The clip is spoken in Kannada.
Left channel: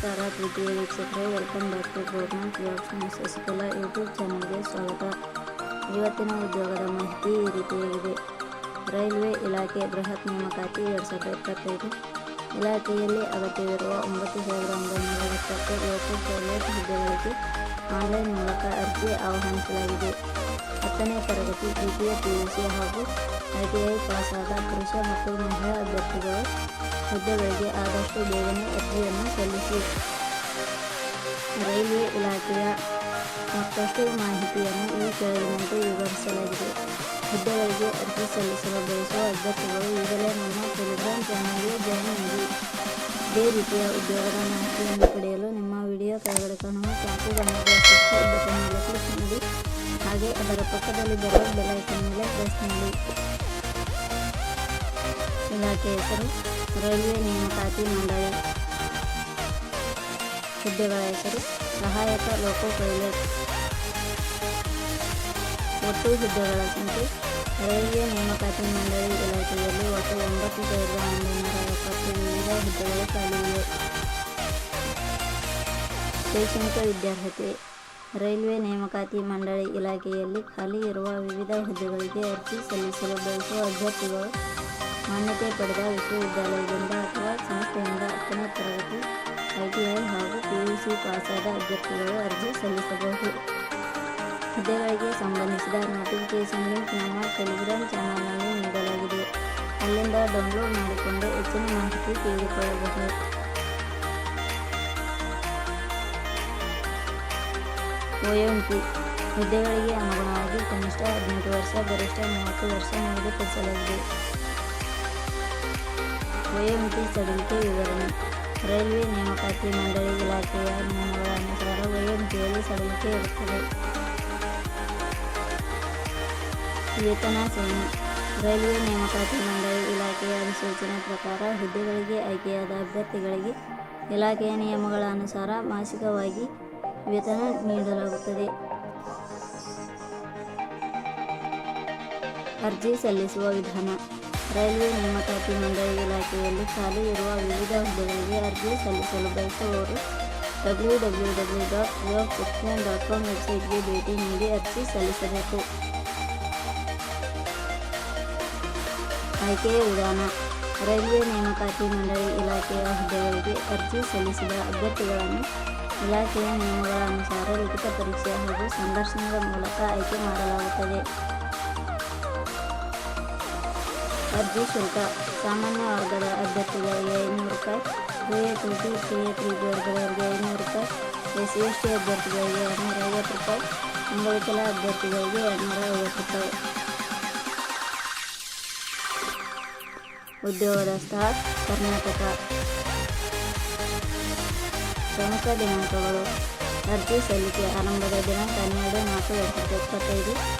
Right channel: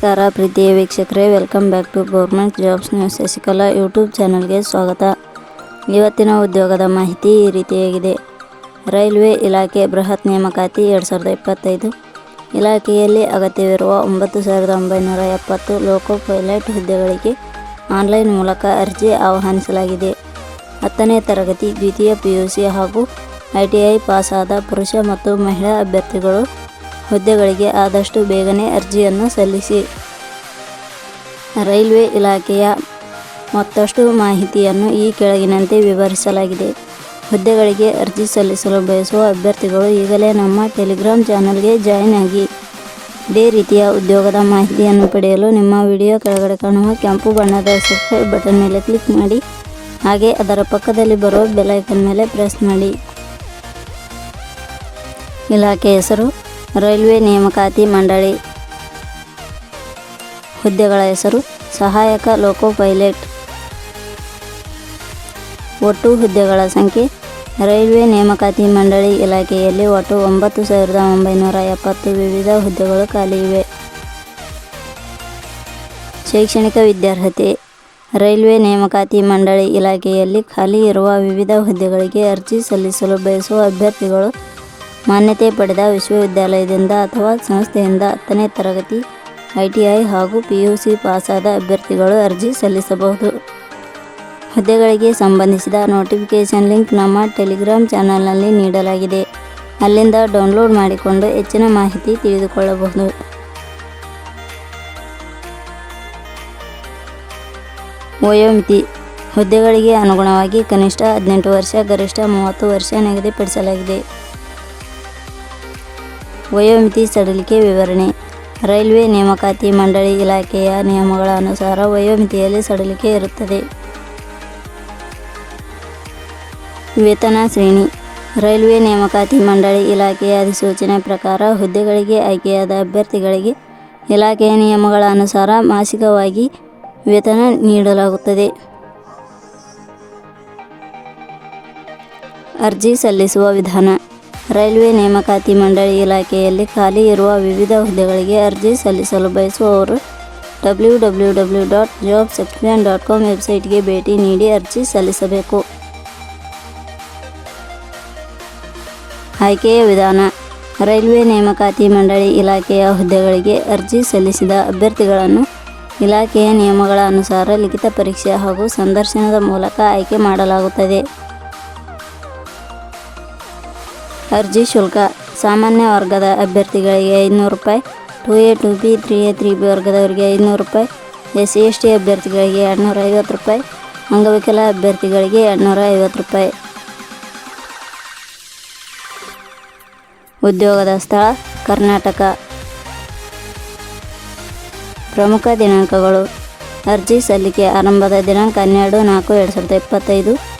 ನಮಸ್ಕಾರ ಪ್ರೀತಿಯ ವೀಕ್ಷಕರೇ welcome back to government jobs news Shashikala YouTube ಚಾನಲ್ಗೆ ಸ್ವಾಗತ. ಇವತ್ತಿನ ಉದ್ಯೋಗದ ಮಾಹಿತಿ ಈ ರೀತಿಯಾಗಿದೆ. ರೈಲ್ವೆ ಇಲಾಖೆ ಬೃಹತ್ ನೇಮಕಾತಿ ಎರಡು ಸಾವಿರದ ಇಪ್ಪತ್ತೈದು. ಇಲಾಖೆಯಲ್ಲಿ ಅಗತ್ಯವಿರುವ ಒಂಬತ್ತು ಸಾವಿರದ ಒಂಬೈನೂರ ಎಪ್ಪತ್ತು ಲೋಕೋ ಪೈಲಟ್ ಹುದ್ದೆಗಳಿಗೆ ಆನ್ಲೈನ್ ಮೂಲಕ ಅರ್ಜಿ ಆಹ್ವಾನಿಸಲಾಗಿದೆ. ಹತ್ತನೇ ತರಗತಿ ದ್ವಿತೀಯ ಪಿ ಯು ಸಿ ಹಾಗೂ ಐ ಟಿ ಐ ಪಾಸಾದ ಪುರುಷ ಮತ್ತು ಮಹಿಳಾ ಅಭ್ಯರ್ಥಿಗಳು ಹುದ್ದೆಗಳಿಗೆ ಆದಷ್ಟು ಬೇಗನೆ ಅರ್ಜಿಯನ್ನು ಸಲ್ಲಿಸಿ. ರೈಲ್ವೆ ಇಲಾಖೆಯ ಮತ್ತಷ್ಟು ಮಾಹಿತಿಯನ್ನು ಈ ಕೆಳಗಿನಂತೆ ವಿವರಿಸಲಾಗಿದೆ. ಹುದ್ದೆಗಳಿಗೆ ಅರ್ಜಿ ಸಲ್ಲಿಸಲು ಬಯಸುವ ಅಭ್ಯರ್ಥಿಗಳು ಈಗಲೇ ನಮ್ಮ ಟೆಲಿಗ್ರಾಮ್ ಚಾನಲ್ಗೆ ಜಾಯಿನ್ ಆಗಿ. ಇದೇ ರೀತಿಯ ಉದ್ಯೋಗದ ಮಾಹಿತಿಯನ್ನು ಪಡೆಯಲು ನಿಮ್ಮ ವಿಡಿಯೋ ಕೆಳಗಡೆ ಕಾಣುವ ಕೆಂಪು ಬಣ್ಣದ ಸಬ್ಸ್ಕ್ರೈಬ್ ಬಟನ್ ಮೇಲೆ ಕ್ಲಿಕ್ ಮಾಡಿ. ಹಾಗೆ ಅದರ ಪಕ್ಕದಲ್ಲಿ ಬರುವ ಬೆಲೈಕನ್ ಮೇಲೆ ಪ್ರೆಸ್ ಮಾಡಿ. ಇಲಾಖೆ ಹೆಸರು ರೈಲ್ವೆ ನೇಮಕಾತಿ ಮಂಡಳಿ. ಹುದ್ದೆಗಳ ಹೆಸರು ಸಹಾಯಕ ಲೋಕೋ ಪೈಲಟ್ ಒಟ್ಟು ಹುದ್ದೆಗಳ ಸಂಖ್ಯೆ ರೈಲ್ವೆ ನೇಮಕಾತಿ ಮಂಡಳಿ ಇಲಾಖೆಯಲ್ಲಿ ಒಟ್ಟು ಒಂಬತ್ತು ಸಾವಿರದ ಒಂಬೈನೂರ ಎಪ್ಪತ್ತು ವಿವಿಧ ಹುದ್ದೆಗಳು ಖಾಲಿ ಇವೆ. ಶೈಕ್ಷಣಿಕ ವಿದ್ಯಾರ್ಹತೆ ರೈಲ್ವೆ ನೇಮಕಾತಿ ಮಂಡಳಿ ಇಲಾಖೆಯಲ್ಲಿ ಖಾಲಿ ಇರುವ ವಿವಿಧ ಹುದ್ದೆಗಳಿಗೆ ಅರ್ಜಿ ಸಲ್ಲಿಸಲು ಬಯಸುವ ಅಭ್ಯರ್ಥಿಗಳು ಮಾನ್ಯತೆ ಪಡೆದ ವಿಶ್ವವಿದ್ಯಾಲಯದಿಂದ ಅಥವಾ ಸಂಸ್ಥೆಯಿಂದ ಹತ್ತನೇ ತರಗತಿ, ಐ ಟಿ ಐ ಹಾಗೂ ಪಿ ಯು ಸಿ ಪಾಸಾದ ಅಭ್ಯರ್ಥಿಗಳು ಅರ್ಜಿ ಸಲ್ಲಿಸಬಹುದು. ಹುದ್ದೆಗಳಿಗೆ ಸಂಬಂಧಿಸಿದ ನೋಟಿಫಿಕೇಷನ್ ಲಿಂಕ್ ನಮ್ಮ ಟೆಲಿಗ್ರಾಮ್ ಚಾನಲ್ನಲ್ಲಿ ನೀಡಲಾಗಿದೆ. ಅಲ್ಲಿಂದ ಡೌನ್ಲೋಡ್ ಮಾಡಿಕೊಂಡು ಹೆಚ್ಚಿನ ಮಾಹಿತಿ ತಿಳಿದುಕೊಳ್ಳಬಹುದು. ವಯೋಮಿತಿ ಹುದ್ದೆಗಳಿಗೆ ಅನುಗುಣವಾಗಿ ಕನಿಷ್ಠ ಹದಿನೆಂಟು ವರ್ಷ, ಗರಿಷ್ಠ ಮೂವತ್ತು ವರ್ಷ ನಿಗದಿಪಡಿಸಲಾಗಿದೆ. ವಯೋಮಿತಿ ಸಡಿಲಿಕೆ ವಿವರಣೆ. ರೈಲ್ವೆ ನೇಮಕಾತಿ ಮಂಡಳಿ ಇಲಾಖೆಯ ನಿಯಮಗಳ ಅನುಸಾರ ವಯೋಮಿತಿಯಲ್ಲಿ ಸಡಿಲಿಕೆ ಇರುತ್ತದೆ. ವೇತನ ಶ್ರೇಣಿ. ರೈಲ್ವೆ ನೇಮಕಾತಿ ಮಂಡಳಿ ಇಲಾಖೆಯ ಅಧಿಸೂಚನೆ ಪ್ರಕಾರ ಹುದ್ದೆಗಳಿಗೆ ಆಯ್ಕೆಯಾದ ಅಭ್ಯರ್ಥಿಗಳಿಗೆ ಇಲಾಖೆಯ ನಿಯಮಗಳ ಅನುಸಾರ ಮಾಸಿಕವಾಗಿ ವೇತನ ನೀಡಲಾಗುತ್ತದೆ. ಅರ್ಜಿ ಸಲ್ಲಿಸುವ ವಿಧಾನ. ರೈಲ್ವೆ ನೇಮಕಾತಿ ಮಂಡಳಿ ಇಲಾಖೆಯಲ್ಲಿ ಖಾಲಿ ಇರುವ ವಿವಿಧ ಹುದ್ದೆಗಳಿಗೆ ಅರ್ಜಿ ಸಲ್ಲಿಸಲು ಬಯಸುವವರು W W W dot job section dot com ವೆಬ್ಸೈಟ್ಗೆ ಭೇಟಿ ನೀಡಿ ಅರ್ಜಿ ಸಲ್ಲಿಸಬೇಕು. ಆಯ್ಕೆಯ ವಿಧಾನ. ರೈಲ್ವೆ ನೇಮಕಾತಿ ಮಂಡಳಿ ಇಲಾಖೆಯ ಹುದ್ದೆಗಳಿಗೆ ಅರ್ಜಿ ಸಲ್ಲಿಸಿದ ಅಭ್ಯರ್ಥಿಗಳನ್ನು ಇಲಾಖೆಯ ನಿಯಮಗಳ ಅನುಸಾರ ಲಿಖಿತ ಪರೀಕ್ಷೆ ಹಾಗೂ ಸಂದರ್ಶನದ ಮೂಲಕ ಆಯ್ಕೆ ಮಾಡಲಾಗುತ್ತದೆ. ಅರ್ಜಿ ಶುಲ್ಕ. ಸಾಮಾನ್ಯ ವರ್ಗದ ಅಭ್ಯರ್ಥಿಗಳಿಗೆ ಐನೂರು ರೂಪಾಯಿ. Two A two B three A, three B ವರ್ಗದವರಿಗೆ ಐನೂರು ರೂಪಾಯಿ. ಎಸ್ ಸಿ, ಎಸ್ ಟಿ ಅಭ್ಯರ್ಥಿಗಳಿಗೆ ಎರಡುನೂರ ಐವತ್ತು ರೂಪಾಯಿ. ಅಂಗವಿಕಲ ಅಭ್ಯರ್ಥಿಗಳಿಗೆ ಎರಡುನೂರ ಐವತ್ತು ರೂಪಾಯಿ. ಉದ್ಯೋಗದ ಸ್ಥಳ, ಕರ್ನಾಟಕ. ಪ್ರಮುಖ ದಿನಾಂಕಗಳು. ಅರ್ಜಿ ಸಲ್ಲಿಕೆ ಆರಂಭದ ದಿನಾಂಕ ಹನ್ನೆರಡು ನಾಲ್ಕು, ಎರಡು ಸಾವಿರದ ಇಪ್ಪತ್ತೈದು.